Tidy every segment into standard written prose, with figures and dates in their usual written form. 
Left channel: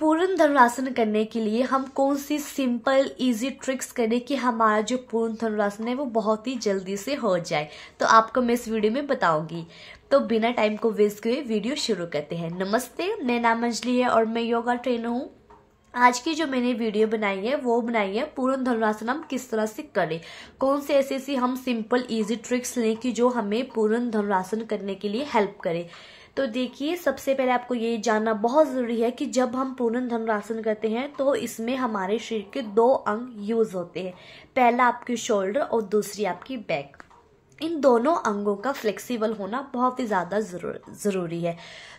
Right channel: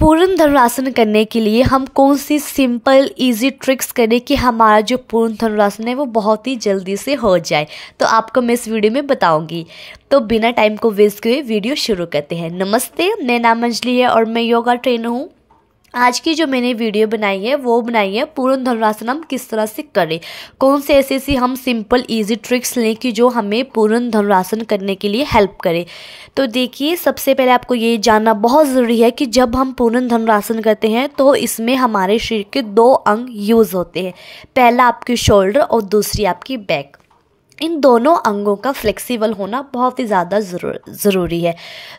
पूर्ण धनुरासन करने के लिए हम कौन सी सिंपल इजी ट्रिक्स करें कि हमारा जो पूर्ण धनुरासन है वो बहुत ही जल्दी से हो जाए, तो आपको मैं इस वीडियो में बताऊंगी। तो बिना टाइम को वेस्ट किए वीडियो शुरू करते हैं। नमस्ते, मेरा नाम अंजलि है और मैं योगा ट्रेनर हूँ। आज की जो मैंने वीडियो बनाई है वो बनाई है पूर्ण धनुरासन हम किस तरह से करें, कौन से ऐसी हम सिंपल इजी ट्रिक्स लें कि जो हमें पूर्ण धनुरासन करने के लिए हेल्प करे। तो देखिए, सबसे पहले आपको ये जानना बहुत ज़रूरी है कि जब हम पूर्ण धनुरासन करते हैं तो इसमें हमारे शरीर के दो अंग यूज़ होते हैं। पहला आपकी शोल्डर और दूसरी आपकी बैक। इन दोनों अंगों का फ्लेक्सिबल होना बहुत ही ज़्यादा ज़रूरी है।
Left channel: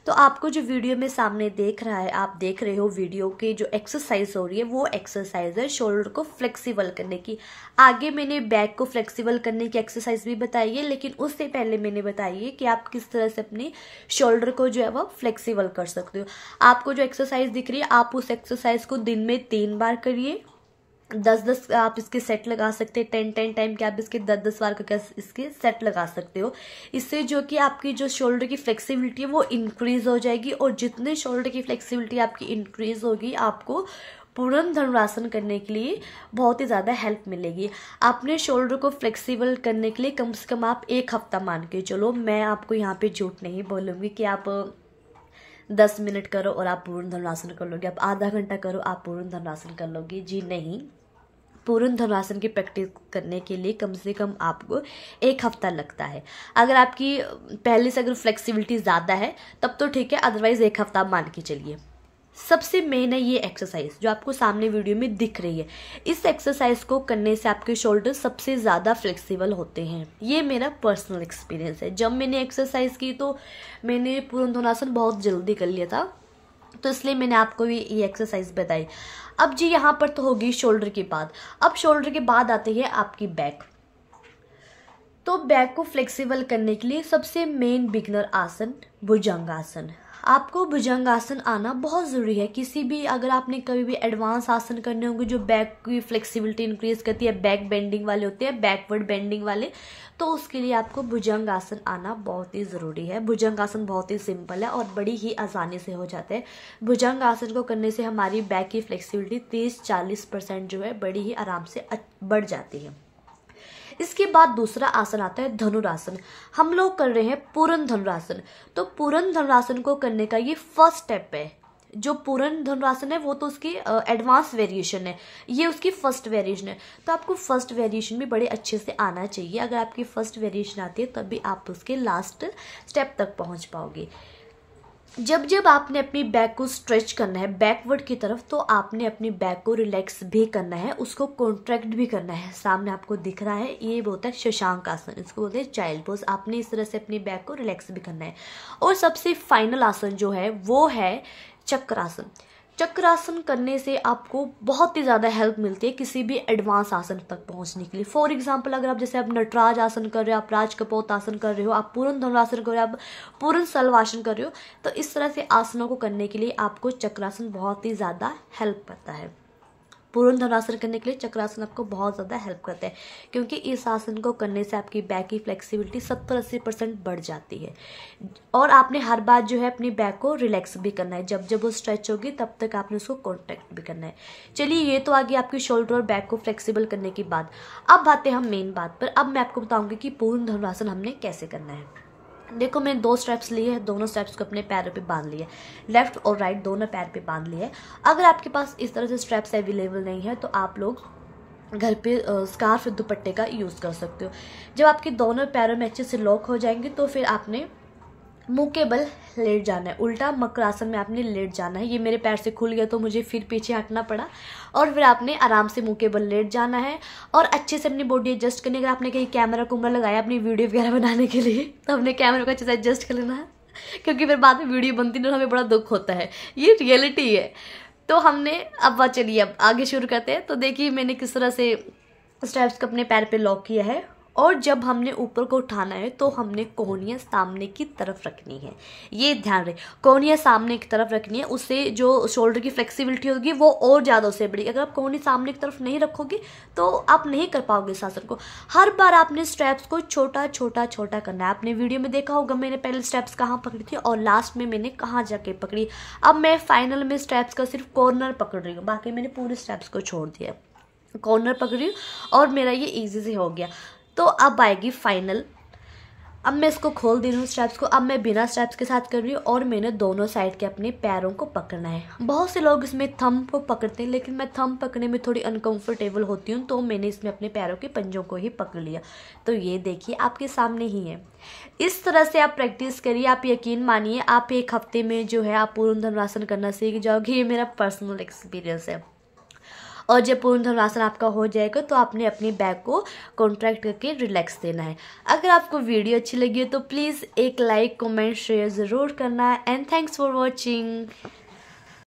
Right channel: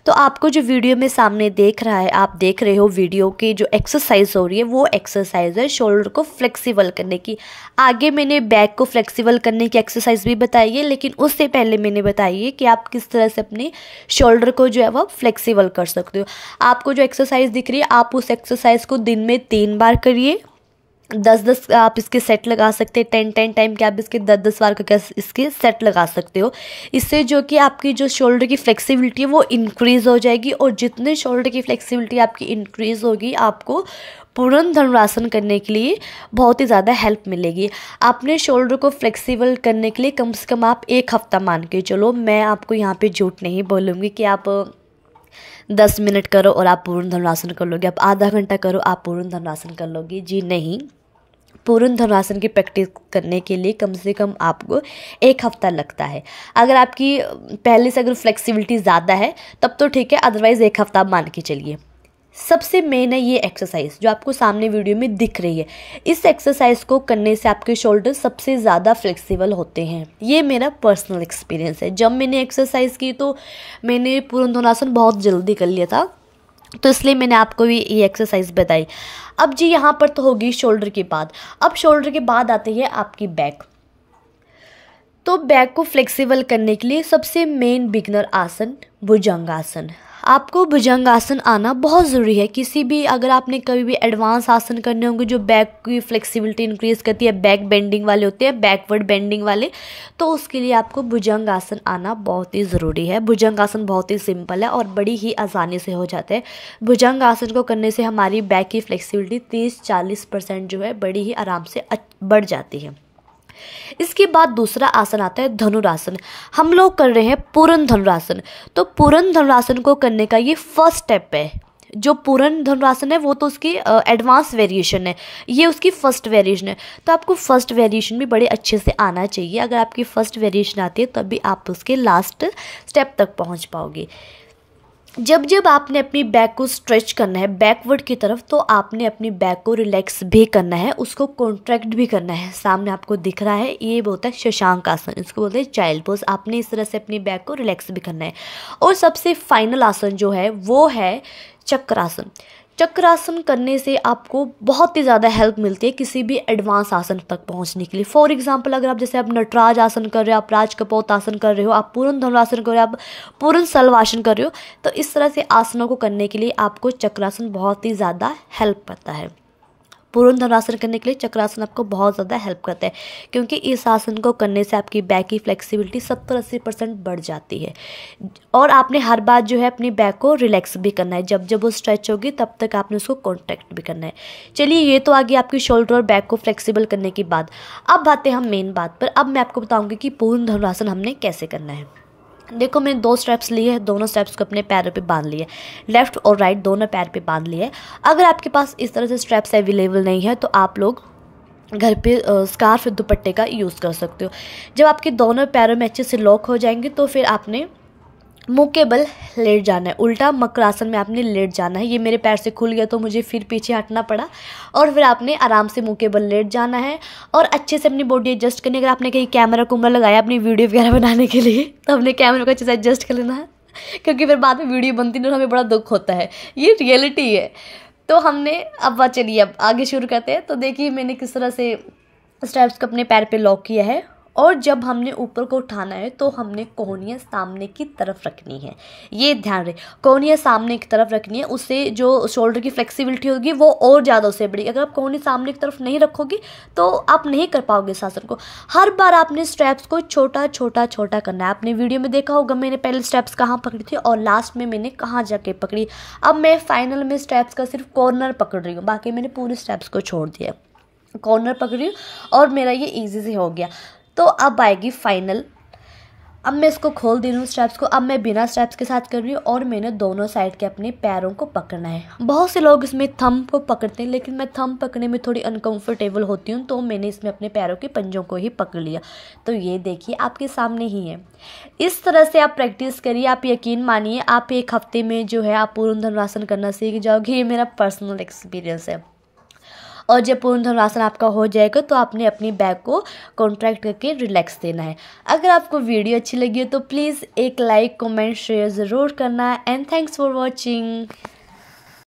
तो आपको जो वीडियो में सामने देख रहा है, आप देख रहे हो वीडियो की जो एक्सरसाइज हो रही है वो एक्सरसाइज है शोल्डर को फ्लेक्सिबल करने की। आगे मैंने बैक को फ्लेक्सिबल करने की एक्सरसाइज भी बताई है, लेकिन उससे पहले मैंने बताई है कि आप किस तरह से अपने शोल्डर को जो है वो फ्लेक्सिबल कर सकते हो। आपको जो एक्सरसाइज दिख रही है, आप उस एक्सरसाइज को दिन में 3 बार करिए। 10-10 आप इसके सेट लगा सकते हैं। 10-10 टाइम के आप इसके 10-10 बार का इसके सेट लगा सकते हो। इससे जो कि आपकी जो शोल्डर की फ्लेक्सिबिलिटी है वो इंक्रीज़ हो जाएगी, और जितने शोल्डर की फ्लेक्सिबिलिटी आपकी इंक्रीज़ होगी, आपको पूर्ण धनुरासन करने के लिए बहुत ही ज़्यादा हेल्प मिलेगी। आपने शोल्डर को फ्लेक्सिबल करने के लिए कम से कम आप 1 हफ्ता मान के चलो। मैं आपको यहाँ पे झूठ नहीं बोलूँगी कि आप 10 मिनट करो और आप पूर्ण धनुरासन कर लोगे, आप आधा घंटा करो आप पूर्ण धनुरासन कर लोगे। जी नहीं, पूर्ण धनुरासन की प्रैक्टिस करने के लिए कम से कम आपको 1 हफ्ता लगता है। अगर आपकी पहले से अगर फ्लेक्सिबिलिटी ज़्यादा है तब तो ठीक है, अदरवाइज़ 1 हफ्ता मान के चलिए। सबसे मेन है ये एक्सरसाइज जो आपको सामने वीडियो में दिख रही है। इस एक्सरसाइज को करने से आपके शोल्डर सबसे ज़्यादा फ्लेक्सिबल होते हैं। ये मेरा पर्सनल एक्सपीरियंस है। जब मैंने एक्सरसाइज की तो मैंने पूर्ण धनुरासन बहुत जल्दी कर लिया था, तो इसलिए मैंने आपको भी ये एक्सरसाइज बताई। अब जी यहाँ पर तो होगी शोल्डर के बाद। अब शोल्डर के बाद आती है आपकी बैक। तो बैक को फ्लेक्सिबल करने के लिए सबसे मेन बिगनर आसन भुजंगासन। आपको भुजंगासन आना बहुत ज़रूरी है। किसी भी अगर आपने कभी भी एडवांस आसन करने होंगे जो बैक की फ्लेक्सिबिलिटी इंक्रीज़ करती है, बैक बेंडिंग वाले होते हैं, बैकवर्ड बेंडिंग वाले, तो उसके लिए आपको भुजंगासन आना बहुत ही ज़रूरी है। भुजंगासन बहुत ही सिंपल है और बड़ी ही आसानी से हो जाता है। भुजंगासन को करने से हमारी बैक की फ्लेक्सिबिलिटी 30-40% जो है बड़ी ही आराम से बढ़ जाती है। इसके बाद दूसरा आसन आता है धनुरासन। हम लोग कर रहे हैं पूर्ण धनुरासन। तो पूर्ण धनुरासन को करने का ये फर्स्ट स्टेप है। जो पूर्ण धनुरासन है वो तो उसकी एडवांस वेरिएशन है, ये उसकी फर्स्ट वेरिएशन है। तो आपको फर्स्ट वेरिएशन भी बड़े अच्छे से आना चाहिए। अगर आपकी फर्स्ट वेरिएशन आती है तभी आप उसके लास्ट स्टेप तक पहुंच पाओगे। जब जब आपने अपनी बैक को स्ट्रेच करना है बैकवर्ड की तरफ, तो आपने अपनी बैक को रिलैक्स भी करना है, उसको कॉन्ट्रैक्ट भी करना है। सामने आपको दिख रहा है, ये बोलता है शशांक आसन, इसको बोलते हैं चाइल्ड पोज। आपने इस तरह से अपनी बैक को रिलैक्स भी करना है। और सबसे फाइनल आसन जो है वो है चक्रासन। चक्रासन करने से आपको बहुत ही ज़्यादा हेल्प मिलती है किसी भी एडवांस आसन तक पहुंचने के लिए। फॉर एग्जांपल, अगर आप जैसे आप नटराज आसन कर रहे हो, आप राजकपोत आसन कर रहे हो, आप पूर्ण धनुरासन कर रहे हो, आप पूर्ण सलवासन कर रहे हो, तो इस तरह से आसनों को करने के लिए आपको चक्रासन बहुत ही ज़्यादा हेल्प करता है। पूर्ण धनुरासन करने के लिए चक्रासन आपको बहुत ज़्यादा हेल्प करता है, क्योंकि इस आसन को करने से आपकी बैक की फ्लेक्सिबिलिटी 70-80% बढ़ जाती है। और आपने हर बार जो है अपनी बैक को रिलैक्स भी करना है। जब जब वो स्ट्रेच होगी तब तक आपने उसको कॉन्ट्रैक्ट भी करना है। चलिए, ये तो आ गई आपकी शोल्डर और बैक को फ्लेक्सिबल करने के बाद। अब आते हैं हम मेन बात पर। अब मैं आपको बताऊँगी कि पूर्ण धनुरासन हमने कैसे करना है। देखो, मैंने 2 स्टेप्स लिए हैं, दोनों स्टेप्स को अपने पैरों पे बांध लिए, लेफ्ट और राइट दोनों पैर पे बांध लिए। अगर आपके पास इस तरह से स्टेप्स अवेलेबल नहीं है तो आप लोग घर पे स्कार्फ दुपट्टे का यूज़ कर सकते हो। जब आपके दोनों पैरों में अच्छे से लॉक हो जाएंगे तो फिर आपने मुंह के बल लेट जाना है। उल्टा मकरासन में आपने लेट जाना है। ये मेरे पैर से खुल गया तो मुझे फिर पीछे हटना पड़ा, और फिर आपने आराम से मुंह के बल लेट जाना है और अच्छे से अपनी बॉडी एडजस्ट करनी। अगर आपने कहीं कैमरा कुमरा लगाया अपनी वीडियो वगैरह बनाने के लिए तो अपने कैमरा को अच्छे से एडजस्ट कर लेना है, क्योंकि फिर बाद में वीडियो बनती नहीं और हमें बड़ा दुख होता है। ये रियलिटी है। तो हमने अब चलिए अब आगे शुरू करते हैं। तो देखिए, मैंने किस तरह से स्टेप्स को अपने पैर पर लॉक किया है और जब हमने ऊपर को उठाना है तो हमने कोहनियाँ सामने की तरफ रखनी है। ये ध्यान रहे, कोहनियाँ सामने की तरफ रखनी है, उससे जो शोल्डर की फ्लेक्सिबिलिटी होगी वो और ज़्यादा उससे बढ़ेगी। अगर आप कोहनी सामने की तरफ नहीं रखोगे तो आप नहीं कर पाओगे इस आसन को। हर बार आपने स्टेप्स को छोटा छोटा छोटा करना है। आपने वीडियो में देखा होगा मैंने पहले स्टेप्स कहाँ पकड़ी थी और लास्ट में मैंने कहाँ जाके पकड़ी। अब मैं फाइनल में स्टेप्स का सिर्फ कॉर्नर पकड़ रही हूँ, बाकी मैंने पूरे स्टेप्स को छोड़ दिया। कॉर्नर पकड़ी हूँ और मेरा ये ईजी से हो गया। तो अब आएगी फाइनल। अब मैं इसको खोल दे रही हूँ स्टेप्स को। अब मैं बिना स्टेप्स के साथ कर रही हूँ और मैंने दोनों साइड के अपने पैरों को पकड़ना है। बहुत से लोग इसमें थंब को पकड़ते हैं, लेकिन मैं थंब पकड़ने में थोड़ी अनकंफर्टेबल होती हूँ, तो मैंने इसमें अपने पैरों के पंजों को ही पकड़ लिया। तो ये देखिए आपके सामने ही है। इस तरह से आप प्रैक्टिस करिए। आप यकीन मानिए आप एक हफ्ते में जो है आप पूर्ण धनुरासन करना सीख जाओगे। ये मेरा पर्सनल एक्सपीरियंस है। और जब पूर्ण धनुरासन आपका हो जाएगा तो आपने अपनी बैक को कॉन्ट्रैक्ट करके रिलैक्स देना है। अगर आपको वीडियो अच्छी लगी हो तो प्लीज़ एक लाइक कमेंट शेयर ज़रूर करना है। And thanks for watching.